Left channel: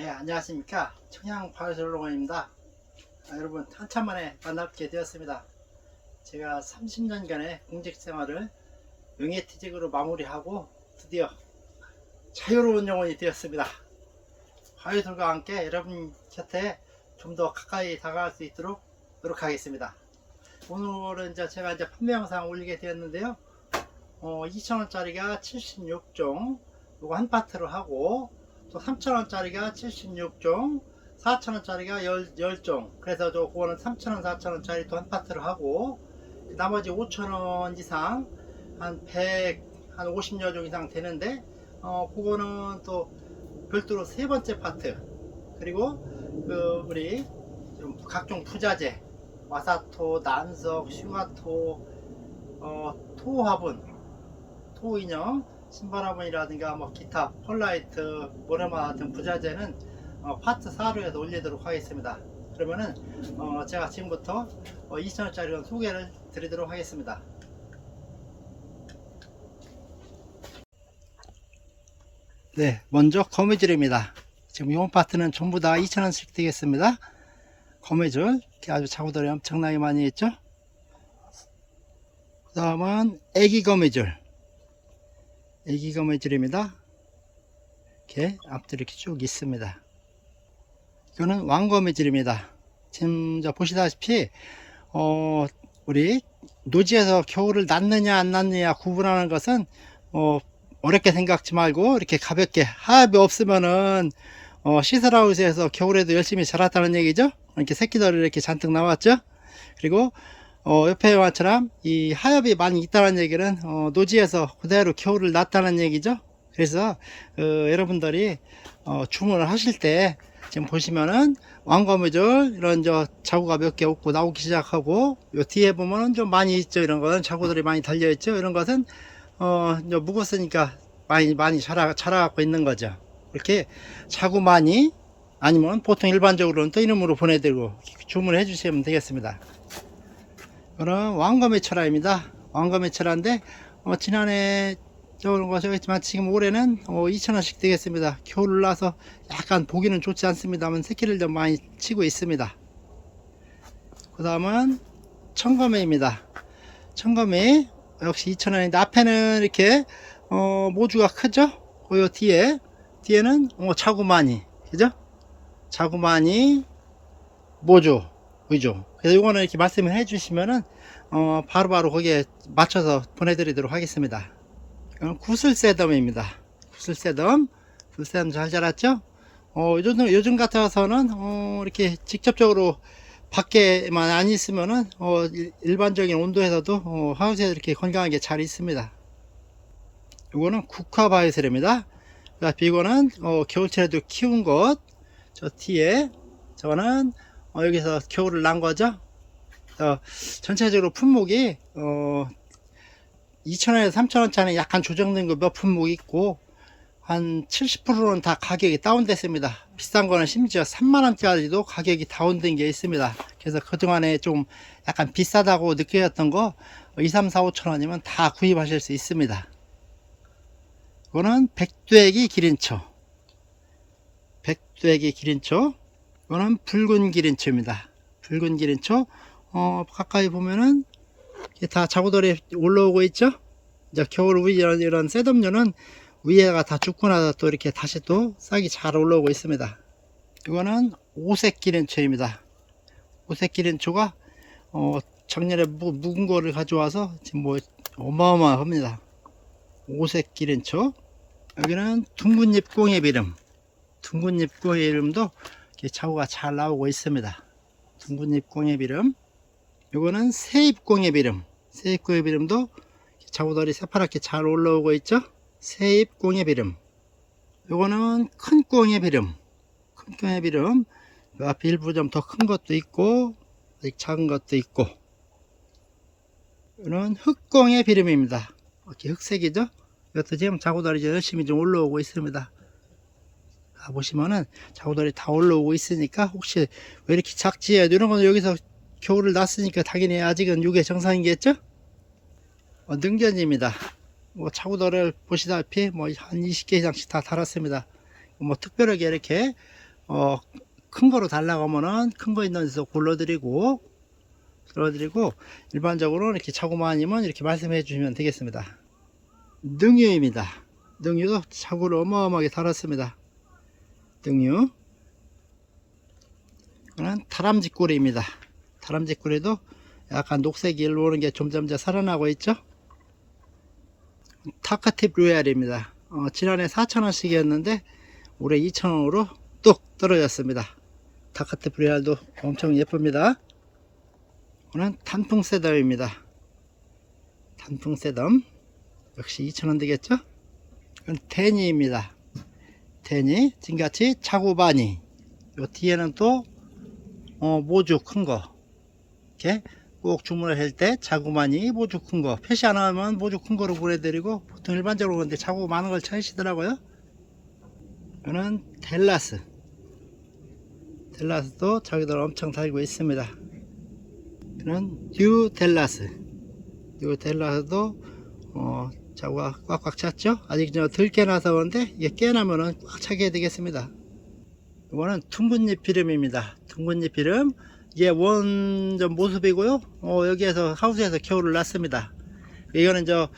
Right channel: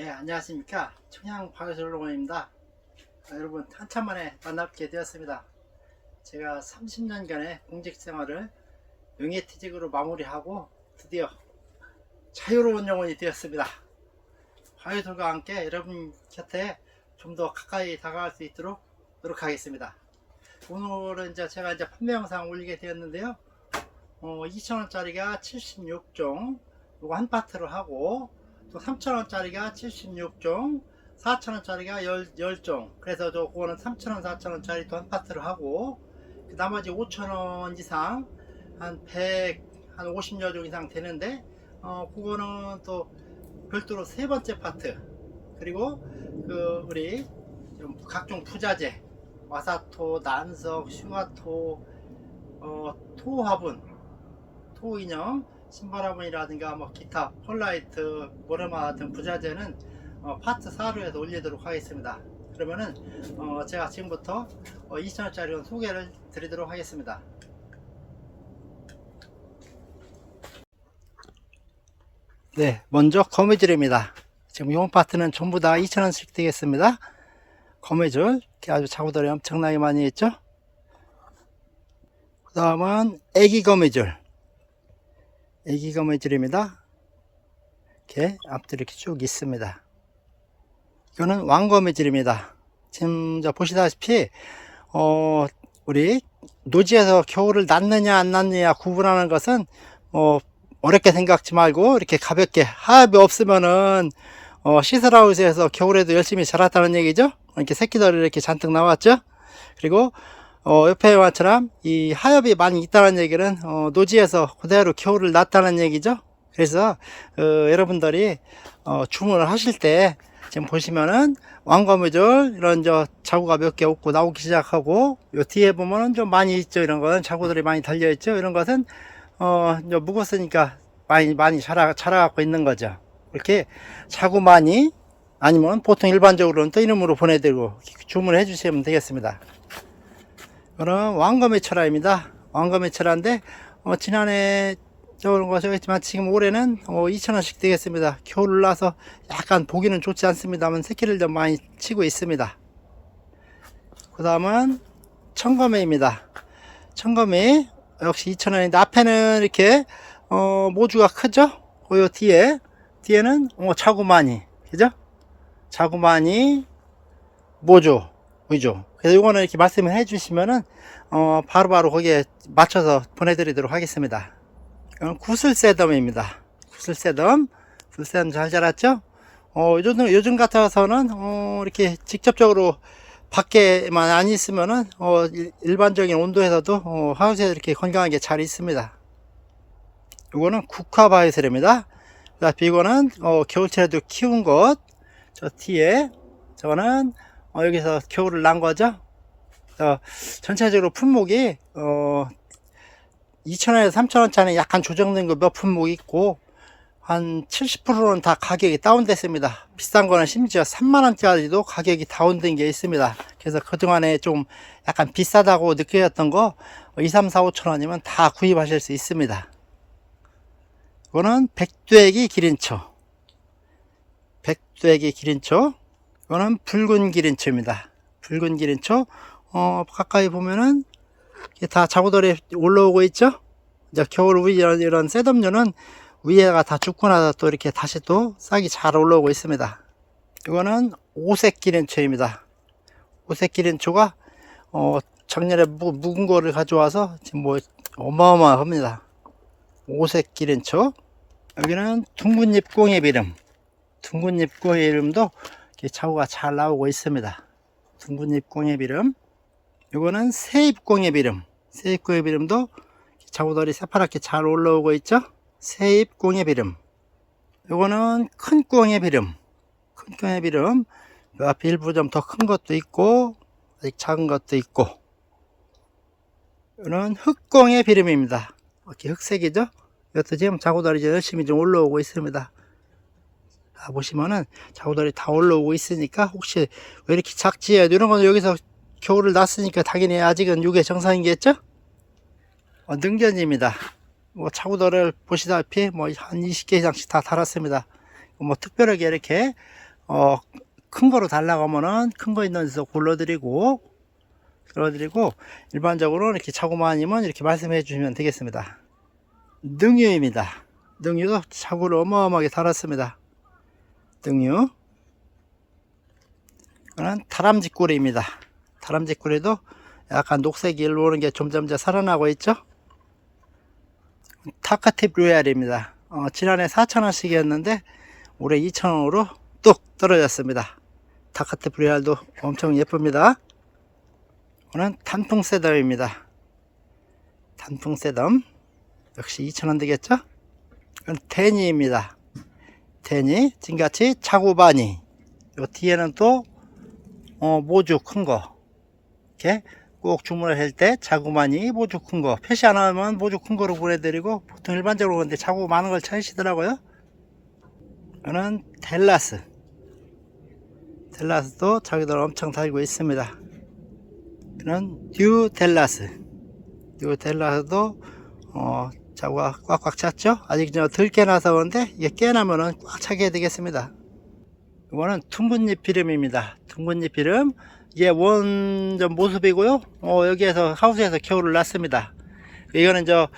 네, 안녕하십니까. 청양 바이솔로건입니다. 아, 여러분, 한참 만에 만나게 되었습니다. 제가 30년간의 공직 생활을 명예퇴직으로 마무리하고 드디어 자유로운 영혼이 되었습니다. 바이솔과 함께 여러분 곁에 좀 더 가까이 다가갈 수 있도록 노력하겠습니다. 오늘은 이제 제가 이제 판매 영상 올리게 되었는데요. 어, 2,000원짜리가 76종, 요거 한 파트로 하고, 또 3,000원짜리가 76종, 4,000원짜리가 10, 10 종. 그래서 저 그거는 3,000원, 4,000원짜리 또 한 파트로 하고, 그 나머지 5,000원 이상, 한 100, 한 50여 종 이상 되는데, 어, 그거는 또 별도로 세 번째 파트. 그리고 그 우리 좀 각종 부자재, 마사토, 난석, 슈가토, 어, 토화분, 토인형, 신바라분이라든가 뭐 기타 폴라이트, 모레마 같은 부자재는 어, 파트 4로 해서 올리도록 하겠습니다. 그러면은 어, 제가 지금부터 어, 2,000원짜리 소개를 드리도록 하겠습니다. 네, 먼저 거미줄입니다. 지금 용 파트는 전부 다 2,000원씩 되겠습니다. 거미줄, 이렇게 아주 자구들이 엄청나게 많이 있죠? 그 다음은 애기 거미줄. 애기 거미줄입니다. 이렇게 앞들이 이렇게 쭉 있습니다. 이거는 왕거미줄입니다. 지금 저 보시다시피, 어, 우리 노지에서 겨울을 낳느냐 안 낳느냐 구분하는 것은, 어, 어렵게 생각지 말고 이렇게 가볍게 하엽이 없으면은 어, 시설하우스에서 겨울에도 열심히 자랐다는 얘기죠. 이렇게 새끼들이 이렇게 잔뜩 나왔죠. 그리고 어, 옆에 와처럼 이 하엽이 많이 있다는 얘기는 어, 노지에서 그대로 겨울을 낳았다는 얘기죠. 그래서 어, 여러분들이 어, 주문을 하실 때 지금 보시면은 왕거미줄 이런 저 자구가 몇 개 없고 나오기 시작하고 요 뒤에 보면은 좀 많이 있죠. 이런 거는 자구들이 많이 달려 있죠. 이런 것은 어, 묵었으니까 많이 많이 자라 자라갖고 있는 거죠. 이렇게 자구 많이 아니면 보통 일반적으로는 또 이름으로 보내드리고 주문해 주시면 되겠습니다. 그럼 왕검의 철화입니다. 왕검의 철화인데 어, 지난해 저런 것이 있지만 지금 올해는 어, 2,000원씩 되겠습니다. 겨울을 나서 약간 보기는 좋지 않습니다만 새끼를 좀 많이 치고 있습니다. 그 다음은 청검회입니다. 청검회 역시 2,000원인데 앞에는 이렇게 어, 모주가 크죠? 그 뒤에 뒤에는 어, 자구마니 그죠? 자구마니 모주 위주 그래서 이거는 이렇게 말씀을 해 주시면은 어, 바로바로 거기에 맞춰서 보내드리도록 하겠습니다 이건 구슬 세덤입니다 구슬 세덤 구슬 세덤 잘 자랐죠? 어, 요즘, 요즘 같아서는 어, 이렇게 직접적으로 밖에만 안 있으면은 어, 일- 일반적인 온도에서도 어, 하우스에 이렇게 건강하게 잘 있습니다. 이거는 국화 바이슬입니다. 그다음에 이거는 어, 겨울철에도 키운 것. 저 뒤에 저거는 어, 여기서 겨울을 난 거죠. 어, 전체적으로 품목이 어, 2,000원에서 3,000원짜리 약간 조정된 거 몇 품목 있고 한 70%는 다 가격이 다운됐습니다. 비싼 거는 심지어 3만원짜리도 가격이 다운된 게 있습니다. 그래서 그동안에 좀 약간 비싸다고 느껴졌던 거 2, 3, 4, 5천원이면 다 구입하실 수 있습니다. 이거는 백두애기 기린초. 백두애기 기린초. 이거는 붉은 기린초입니다. 붉은 기린초. 어, 가까이 보면은 이게 다 자구돌이 올라오고 있죠? 이제 겨울 후 이런, 이런 셋업류는 위에가 다 죽고 나서 또 이렇게 다시 또 싹이 잘 올라오고 있습니다. 이거는 오색 기린초입니다. 오색 기린초가 어, 작년에 무, 묵은 거를 가져와서 지금 뭐 어마어마합니다. 오색 기린초. 여기는 둥근잎 꽁의 비름. 둥근잎 꽁의비름도 이렇게 자구가 잘 나오고 있습니다. 둥근잎 꽁의비름. 이거는 새잎 꽁의비름. 새잎 꽁의비름도 자구들이 새파랗게 잘 올라오고 있죠. 새잎 꽁의비름. 요거는 큰 꽁의비름. 큰. 요 앞에 일부 좀 더 큰 것도 있고, 아직 작은 것도 있고. 이거는 흑꽁의 비름입니다. 이렇게 흑색이죠? 이것도 지금 자구다리 열심히 좀 올라오고 있습니다. 자, 보시면은 자구다리 다 올라오고 있으니까 혹시 왜 이렇게 작지? 이런 거는 여기서 겨울을 났으니까 당연히 아직은 이게 정상이겠죠? 어, 능견입니다. 뭐 자구도를 보시다시피 뭐 한 20개 이상씩 다 달았습니다. 뭐 특별하게 이렇게 어, 큰 거로 달라고 하면은 큰 거 있는 데서 골라드리고, 골라드리고, 일반적으로 이렇게 차고만이면 이렇게 말씀해 주시면 되겠습니다. 능유입니다. 능유도 차고를 어마어마하게 달았습니다. 능유. 이거는 다람쥐꼬리입니다. 다람쥐꼬리도 약간 녹색이 일로 오는 게 점점 더 살아나고 있죠. 타카팁 로얄입니다. 어, 지난해 4,000원씩이었는데 올해 2,000원으로 뚝 떨어졌습니다. 타카팁 로얄도 엄청 예쁩니다. 이거는 단풍 세덤입니다. 단풍 세덤 역시 2,000원 되겠죠? 이건 데니입니다. 데니 지금같이 차고바니. 요 뒤에는 또 어, 모주 큰 거. 이렇게 꼭 주문을 할 때 자구만이 모주 큰 거. 표시 안 하면 모주 큰 거로 보내드리고 보통 일반적으로 근데 자구 많은 걸 찾으시더라고요. 이거는 델라스. 델라스도 자기들 엄청 달고 있습니다. 이는 뉴 델라스. 뉴 델라스도 어, 자구가 꽉꽉 찼죠 아직 덜 깨 나서 그런데 이게 깨나면은 꽉 차게 되겠습니다 이거는 둥근잎 비름입니다 둥근잎 비름 이게 원전 모습이고요. 어, 여기에서 하우스에서 겨울을 났습니다. 이거는 저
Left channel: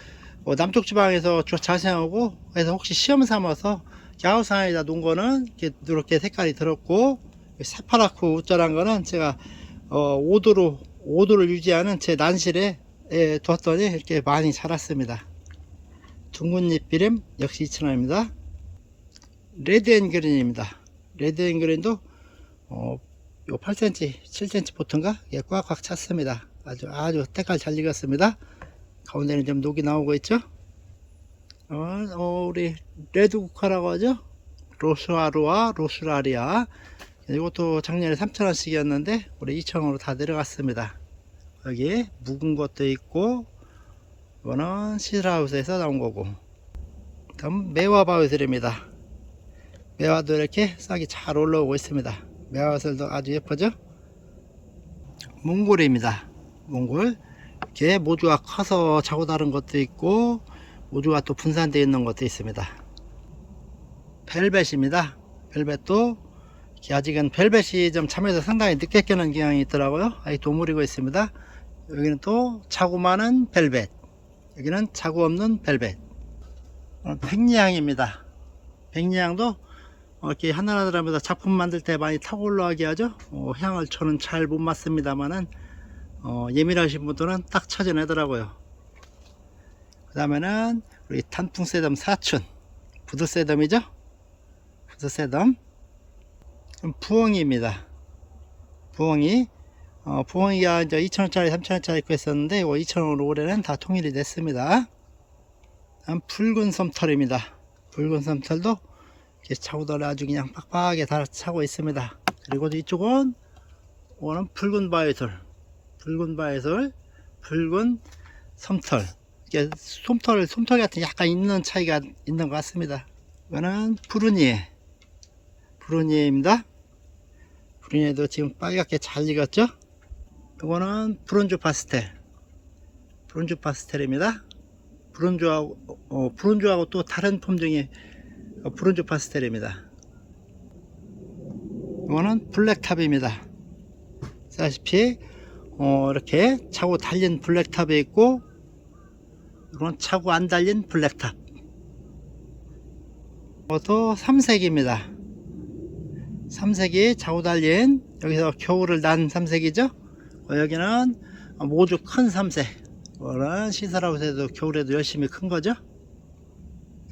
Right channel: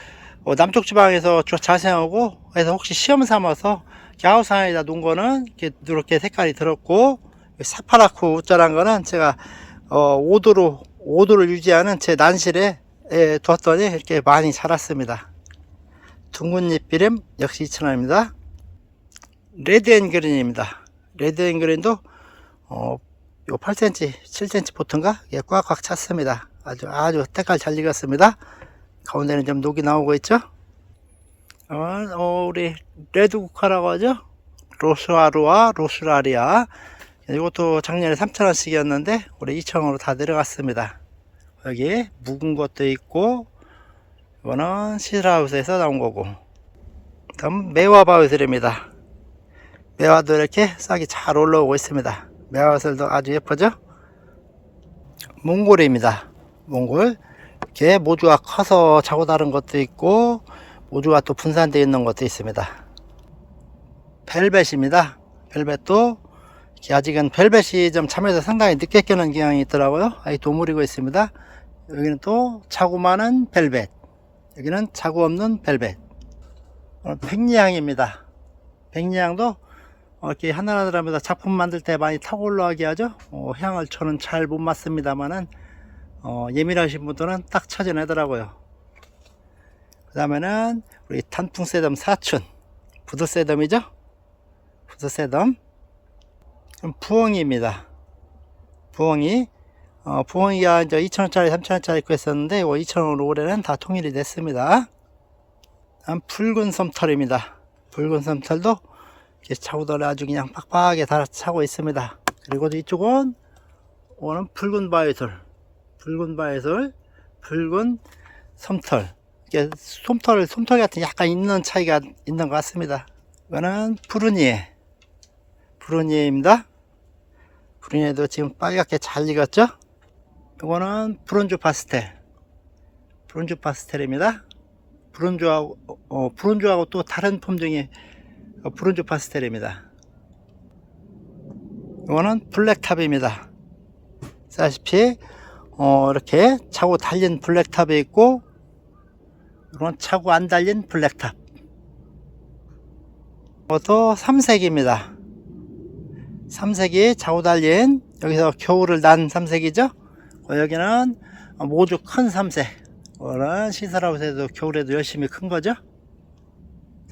어, 남쪽 지방에서 저 자생하고 그래서 혹시 시험 삼아서 하우스 안에다 놓은 거는 이렇게, 이렇게 색깔이 들었고 사파라쿠 우짜란 거는 제가 어, 5도로 5도를 유지하는 제 난실에 에, 뒀더니 이렇게 많이 자랐습니다. 둥근잎 비름 역시 2,000원입니다. 레드앤그린입니다. 레드앤그린도 어, 요 8cm, 7cm 보통가 예, 꽉꽉 찼습니다. 아주 아주 때깔 잘 익었습니다. 가운데는 좀 녹이 나오고 있죠. 어, 어, 우리 레드국화라고 하죠. 로스아루와 로스라리아. 이것도 작년에 3,000원씩이었는데 올해 2,000원으로 다 내려갔습니다. 여기 묵은 것도 있고 이거는 시라우스에서 나온 거고 다음 매화바위슬입니다. 매화도 이렇게 싹이 잘 올라오고 있습니다. 매화슬도 아주 예쁘죠? 몽골입니다. 몽골. 이렇게 모주가 커서 자고 다른 것도 있고 모주가 또 분산되어 있는 것도 있습니다. 벨벳입니다. 벨벳도 아직은 벨벳이 좀 참에서 상당히 늦게 깨는 경향이 있더라고요. 아직 도무리고 있습니다. 여기는 또 자고 많은 벨벳. 여기는 자고 없는 벨벳. 어, 백리향입니다. 백리향도 어, 이렇게 하나하나마다 작품 만들 때 많이 타고 올라가게 하죠. 어, 향을 저는 잘 못 맡습니다만은 어, 예민하신 분들은 딱 찾아내더라고요. 그 다음에는 우리 단풍 세덤 사춘 부드 세덤이죠. 부드 세덤 부엉이입니다. 부엉이 어, 부엉이가 이제 2,000원짜리 3,000원짜리 있고 했었는데 이거 2,000원으로 올해는 다 통일이 됐습니다. 다음 붉은 솜털입니다. 붉은 솜털도 이렇게 차고들을 아주 그냥 빡빡하게 다 차고 있습니다. 그리고 이쪽은 오는 붉은 바위솔, 붉은 바위솔, 붉은 솜털. 이게 솜털, 솜털 같은 약간 있는 차이가 있는 것 같습니다. 이거는 푸르니에, 푸르니에입니다. 푸르니에도 지금 빨갛게 잘 익었죠? 이거는 브론즈 파스텔, 브론즈 파스텔입니다. 브론즈하고, 어, 브론즈하고 또 다른 품종의 어, 브론즈 파스텔입니다. 이거는 블랙탑입니다. 아시피 어, 이렇게 차고 달린 블랙탑이 있고 이건 차고 안 달린 블랙탑. 이것도 삼색입니다. 삼색이 차고 달린 여기서 겨울을 난 삼색이죠. 어, 여기는 모두 큰 삼색. 이거는 시설하우스에도 겨울에도 열심히 큰 거죠.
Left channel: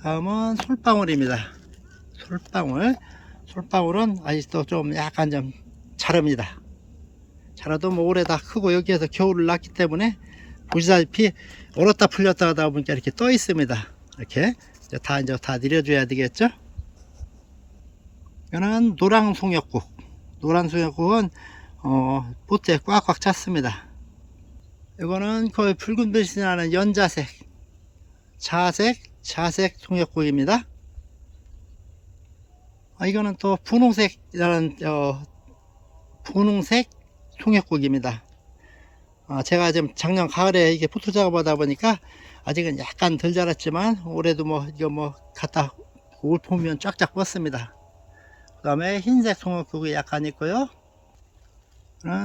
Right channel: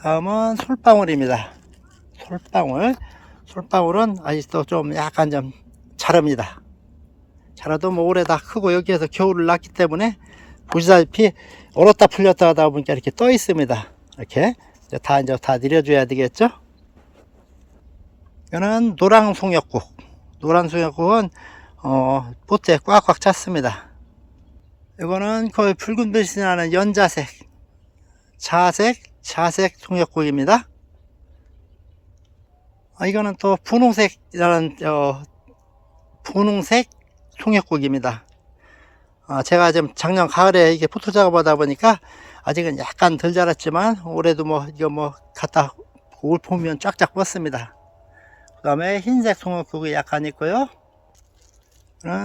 다음은 솔방울입니다. 솔방울. 솔방울은 아직도 좀 약간 좀 자릅니다. 자라도 뭐 올해 다 크고 여기에서 겨울을 났기 때문에 보시다시피 얼었다 풀렸다 하다 보니까 이렇게 떠 있습니다. 이렇게 이제 다 이제 다 내려줘야 되겠죠. 이거는 노랑 송역국. 노란 송역국은 어, 보트에 꽉꽉 찼습니다. 이거는 거의 붉은 빛이 나는 연자색, 자색, 자색 송역국입니다. 아, 이거는 또 분홍색이라는 어, 분홍색 송역국입니다. 아, 제가 지금 작년 가을에 이게 포토 작업하다 보니까 아직은 약간 덜 자랐지만 올해도 뭐 이거 뭐 갖다 올 보면 쫙쫙 뻗습니다. 그 다음에 흰색 송옥국이 약간 있고요.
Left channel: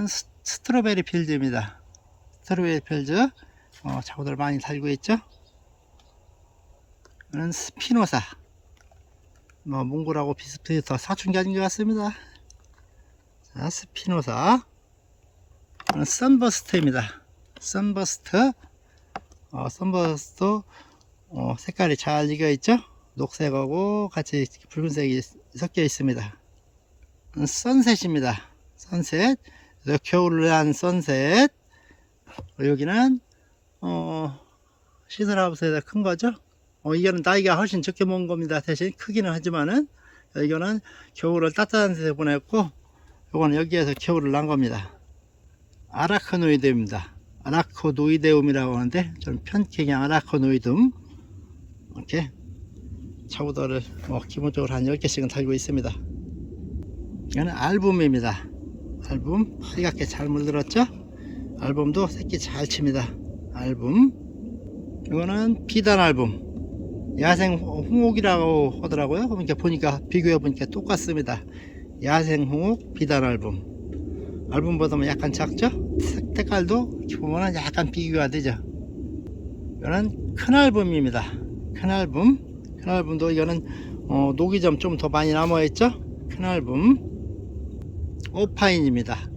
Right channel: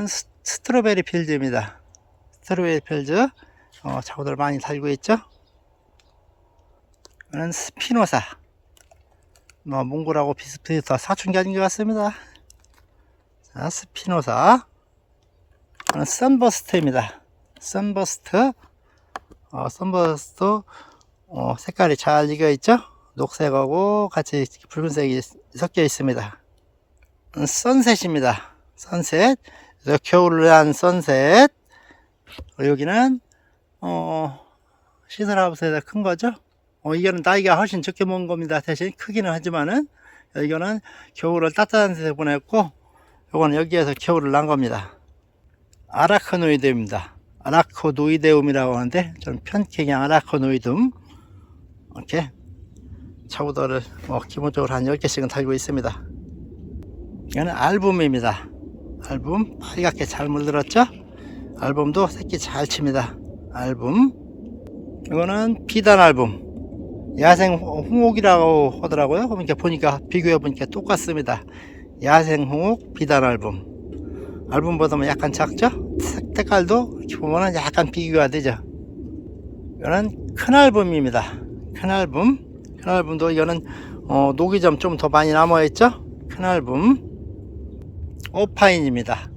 스- 스트로베리 필즈입니다. 스트로베리 필즈. 어, 자구들 많이 달고 있죠. 이는 스피노사. 뭐, 몽골하고 비슷비슷한 사춘기 아닌 것 같습니다. 자, 스피노사. 이는 선버스트입니다. 선버스트. 어, 선버스트. 어, 색깔이 잘 익어 있죠? 녹색하고 같이 붉은색이 섞여 있습니다. 음, 선셋입니다. 선셋. 그래서 겨울을 위한 선셋. 여기는, 어, 시설하우스에서 큰 거죠? 어, 이거는 나이가 훨씬 적게 먹은 겁니다. 대신 크기는 하지만은, 이거는 겨울을 따뜻한 데서 보냈고, 요거는 여기에서 겨울을 난 겁니다. 아라크노이드입니다. 아라코노이데움이라고 하는데, 저는 편히 그냥 아라코노이듬. 이렇게 차우더를 뭐 기본적으로 한 10개씩은 달고 있습니다. 이거는 알붐입니다. 알붐 빨갛게 잘 물들었죠? 알붐도 새끼 잘 칩니다. 알붐 이거는 비단 알붐 야생 홍옥이라고 하더라고요. 그러니까 보니까 비교해 보니까 똑같습니다. 야생 홍옥 비단 알붐 알붐보다는 약간 작죠? 색- 색깔도 보면 약간 비교가 되죠. 이거는 큰 알붐입니다. 큰 album, 큰 앨범도 이거는 어, 녹이 좀 좀 더 많이 남아있죠? 큰 앨범, 오파인입니다.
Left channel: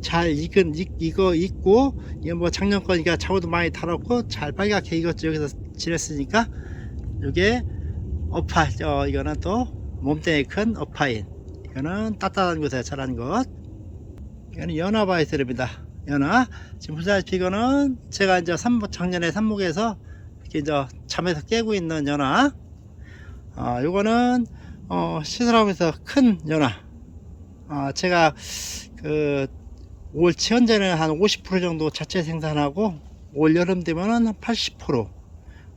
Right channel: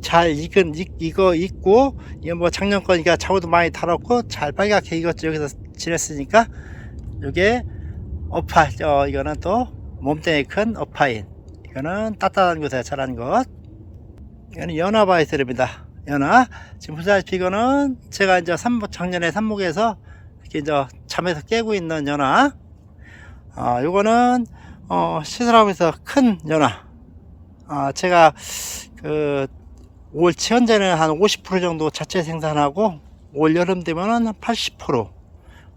잘 익은 익, 익어 익고 이거 뭐 작년 거니까 차고도 많이 달았고 잘 빨갛게 익었죠. 여기서 지냈으니까 이게 오파, 어, 이거는 또 몸뚱이 큰 오파인. 이거는 따뜻한 곳에 자란 것. 이거는 연화 바이슬입니다. 연화. 지금 보시다시피 이거는 제가 이제 삼목, 작년에 삼목에서 이렇게 이제 잠에서 깨고 있는 연화. 어, 요거는, 어, 시설하면서 큰 연화. 어, 제가 그, 올 현재는 한 50% 정도 자체 생산하고, 올 여름 되면은 80%,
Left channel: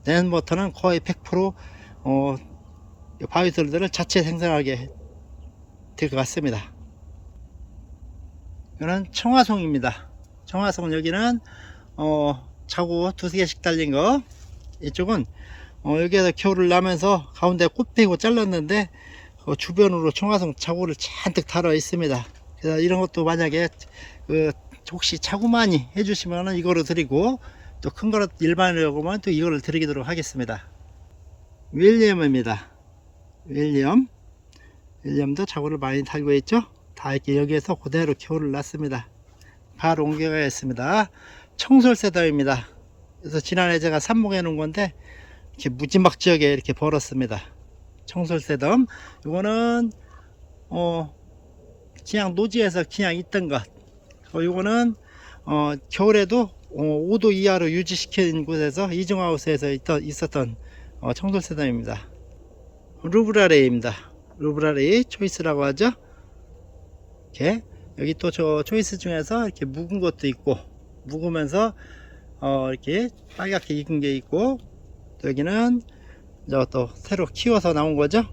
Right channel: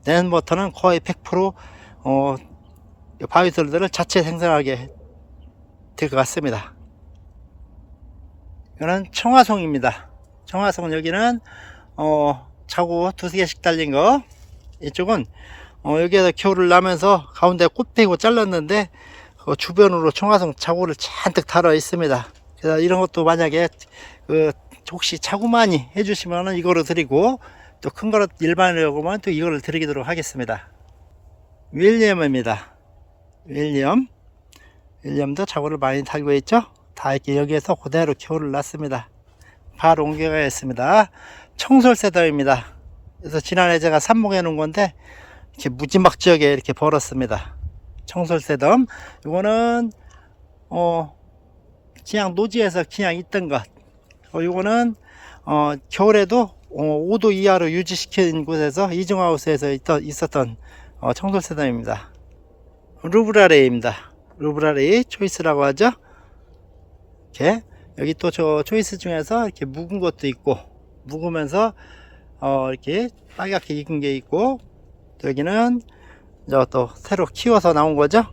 내년부터는 거의 100%, 어, 바위솔들을 자체 생산하게 될 것 같습니다. 이거는 청화송입니다. 청화송은 여기는, 어, 차고 두세 개씩 달린 거, 이쪽은 어, 여기에서 겨울을 나면서 가운데 꽃 피고 잘랐는데 그 주변으로 청화성 자구를 잔뜩 달아 있습니다. 그래서 이런 것도 만약에 그 혹시 많이 해주시면은 이거를 드리고 또 큰 거로 보면 또 이거를 드리도록 하겠습니다. 윌리엄입니다. 윌리엄. 윌리엄도 자구를 많이 달고 있죠? 다 이렇게 여기에서 그대로 겨울을 났습니다. 바로 옮겨가겠습니다. 청솔세더입니다. 그래서 지난해 제가 삽목해 놓은 건데 이렇게 무지막 지역에 이렇게 벌었습니다. 청솔새덤 이거는 어 그냥 노지에서 그냥 있던 것. 어, 이거는 어 겨울에도 어, 5도 이하로 유지시킨 곳에서 이중하우스에서 있던, 있었던 어, 청솔새덤입니다. 루브라레입니다. 루브라레이 초이스라고 하죠. 이렇게 여기 또 저 초이스 중에서 이렇게 묵은 것도 있고 묵으면서 어, 이렇게 빨갛게 익은 게 있고 또 여기는 또 새로 키워서 나온 거죠?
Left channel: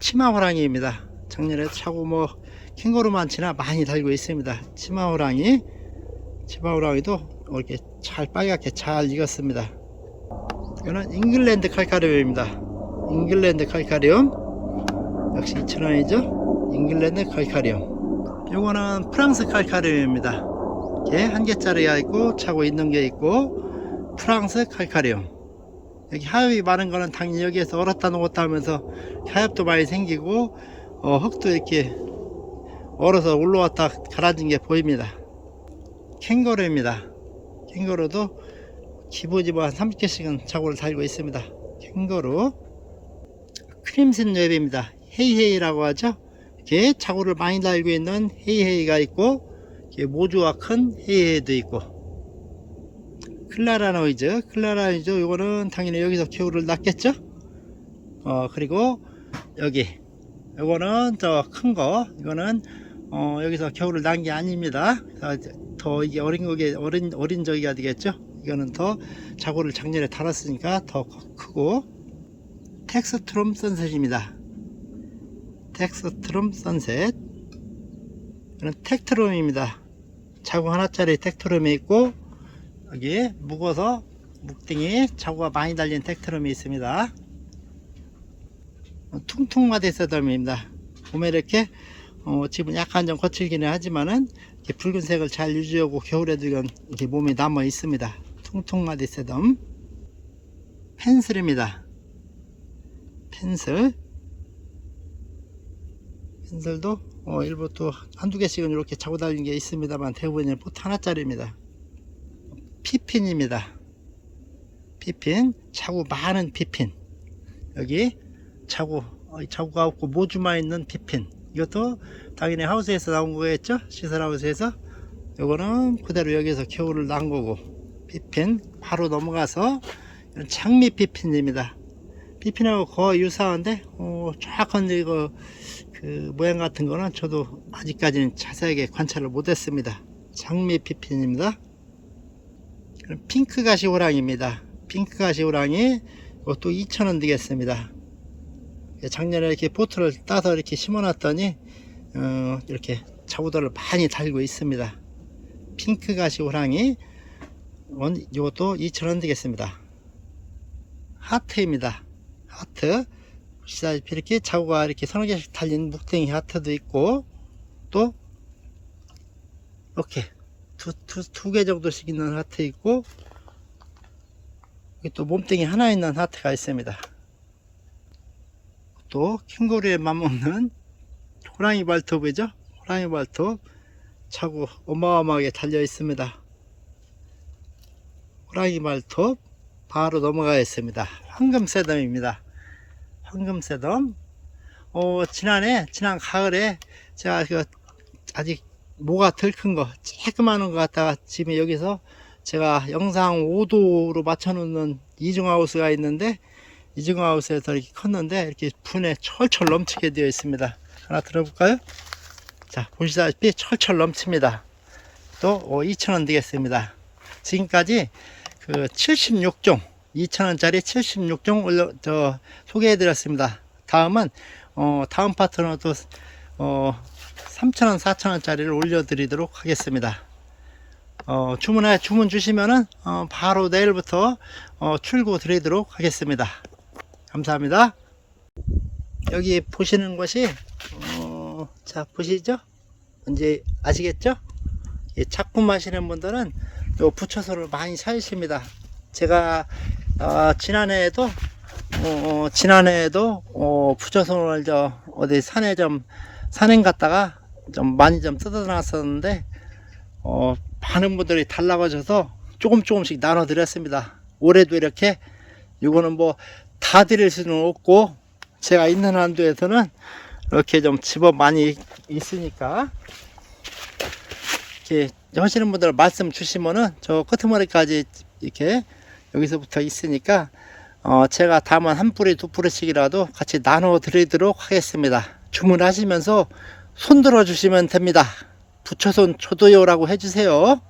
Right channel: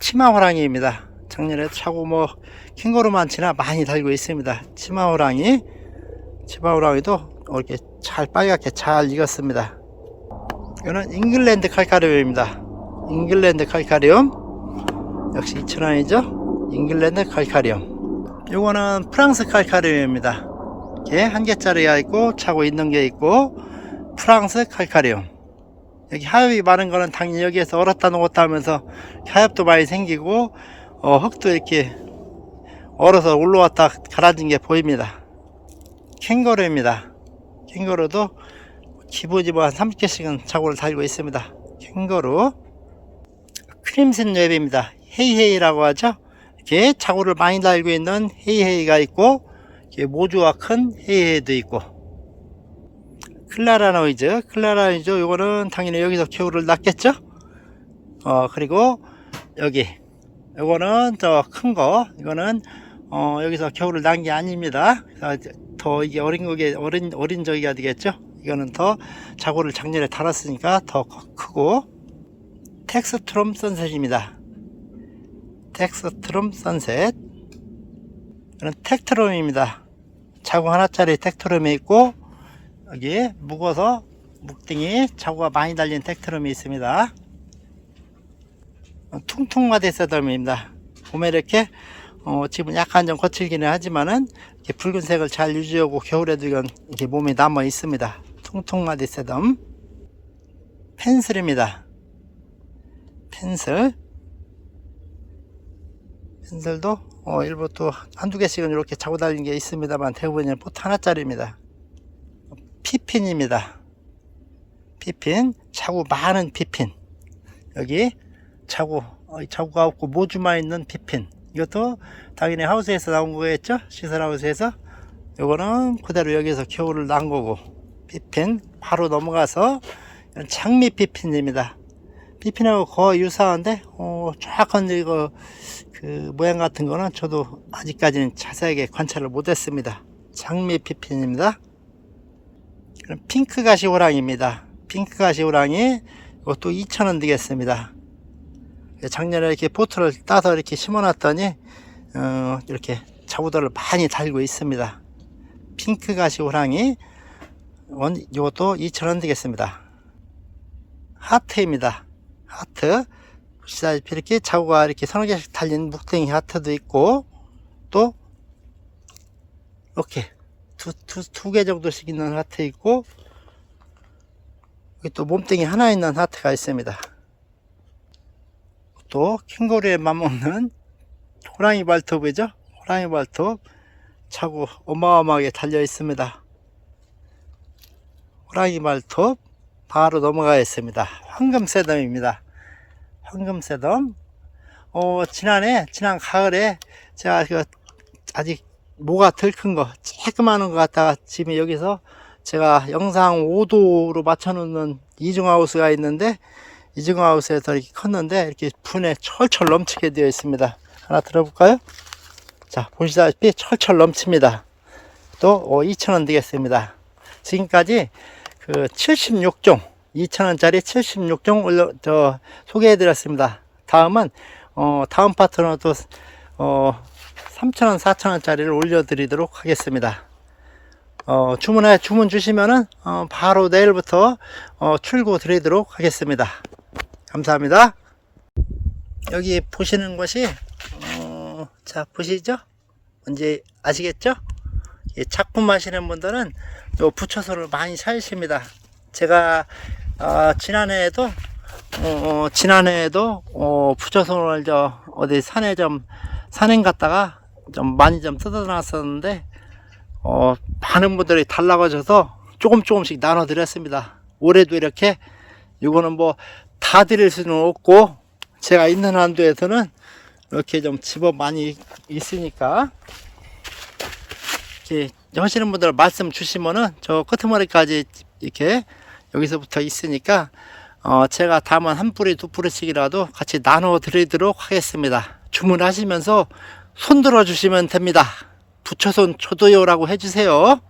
치마 호랑이입니다. 작년에 차고 뭐 캥거루만 지나 많이 달고 있습니다. 치마 호랑이. 치마 호랑이도 이렇게 잘 빨갛게 잘 익었습니다. 이거는 잉글랜드 칼카리움입니다. 잉글랜드 칼카리움. 역시 2,000원이죠? 잉글랜드 칼카리움. 이거는 프랑스 칼카리움입니다. 이렇게 한 개짜리가 있고 차고 있는 게 있고 프랑스 칼카리움 여기 하엽이 많은 거는 당연히 여기에서 얼었다 녹았다 하면서 하엽도 많이 생기고 어, 흙도 이렇게 얼어서 올라왔다 가라진 게 보입니다. 캥거루입니다. 캥거루도 기본이 뭐한 30개씩은 자고를 달고 있습니다. 캥거루. 크림슨 웹입니다. 헤이헤이라고 하죠. 이렇게 자고를 많이 달고 있는 헤이헤이가 있고 모주가 큰 헤이헤이도 있고 클라라 노이즈. 클라라 노이즈 요거는 당연히 여기서 겨울을 낳겠죠? 어 그리고 여기 요거는 저 큰 거 이거는 어 여기서 겨울을 낳은 게 아닙니다. 그래서 더 이게 어린 거게 어린 어린 저기가 되겠죠? 이거는 더 자고를 작년에 달았으니까 더 커- 크고. 텍스트롬 선셋입니다. 텍스트롬 선셋. 이건 텍트롬입니다. 자구 하나짜리 텍트롬이 있고 여기 묵어서 묵등이 자구가 많이 달린 텍트롬이 있습니다. 퉁퉁마대 세덤입니다. 봄에 이렇게 어, 지금 약간 좀 거칠기는 하지만은 붉은색을 잘 유지하고 겨울에도 이건 이렇게 몸에 남아 있습니다. 퉁퉁마대 세덤 펜슬입니다. 펜슬 펜슬도 어, 일부 또 한두 개씩은 이렇게 차고 다니는 게 있습니다만 대부분은 포트 하나짜리입니다. 피핀입니다. 피핀 차고 많은 피핀. 여기 차고 어, 이 차고가 없고 모주만 있는 피핀. 이것도 당연히 하우스에서 나온 거겠죠? 시설 하우스에서? 요거는 그대로 여기서 겨울을 난 거고 피핀 바로 넘어가서 장미 피핀입니다. 피핀하고 거의 유사한데 어, 정확한 이거 그 모양 같은 거는 저도 아직까지는 자세하게 관찰을 못했습니다. 장미 피핀입니다 핑크 가시 호랑입니다 핑크 가시 호랑이 이것도 2,000원 되겠습니다 작년에 이렇게 포트를 따서 이렇게 심어놨더니 어, 이렇게 자구들을 많이 달고 있습니다. 핑크 가시 호랑이 원 이것도 2,000원 되겠습니다. 하트입니다. 하트 보시다시피 이렇게 자구가 이렇게 서너 개씩 달린 묵댕이 하트도 있고 또 이렇게 두 두 개 정도씩 있는 하트 있고 또 몸뚱이 하나 있는 하트가 있습니다. 또 캥거루에 맞먹는 호랑이 발톱이죠. 호랑이 발톱 차고 어마어마하게 달려 있습니다. 호랑이 발톱 바로 넘어가겠습니다. 황금새덤입니다. 황금새덤. 어, 지난해 지난 가을에 제가 그 아직 모가 덜 큰 거, 조그마한 거 갖다가 지금 여기서 제가 영상 5도로 맞춰놓는 이중하우스가 있는데 이중하우스에서 이렇게 컸는데 이렇게 분에 철철 넘치게 되어 있습니다. 하나 들어볼까요? 자, 보시다시피 철철 넘칩니다. 또 2,000원 되겠습니다. 지금까지 그 76종, 2,000원짜리 76종 올려, 저, 소개해 드렸습니다. 다음은, 어, 다음 파트는 또, 어, 3,000원, 4,000원짜리를 올려드리도록 하겠습니다. 어, 주문해, 주문 주시면은, 어, 바로 내일부터, 어, 출고 드리도록 하겠습니다. 감사합니다. 여기 보시는 것이 어, 자 보시죠? 뭔지 아시겠죠? 이 작품 하시는 분들은 요 부처소를 많이 사십니다. 제가 어, 지난해에도 어, 지난해에도 어, 부처소를 저 어디 산에 좀 산행 갔다가 좀 많이 좀 뜯어놨었는데 어, 많은 분들이 달라가셔서 조금 조금씩 나눠 드렸습니다. 올해도 이렇게 이거는 뭐 다 드릴 수는 없고 제가 있는 한도에서는 이렇게 좀 집어 많이 있으니까 이렇게 하시는 분들 말씀 주시면은 저 끄트머리까지 이렇게 여기서부터 있으니까 어 제가 다음은 한 뿌리 두 뿌리씩이라도 같이 나눠 드리도록 하겠습니다 주문하시면서 손 들어 주시면 됩니다. 부처손 초도요라고 해주세요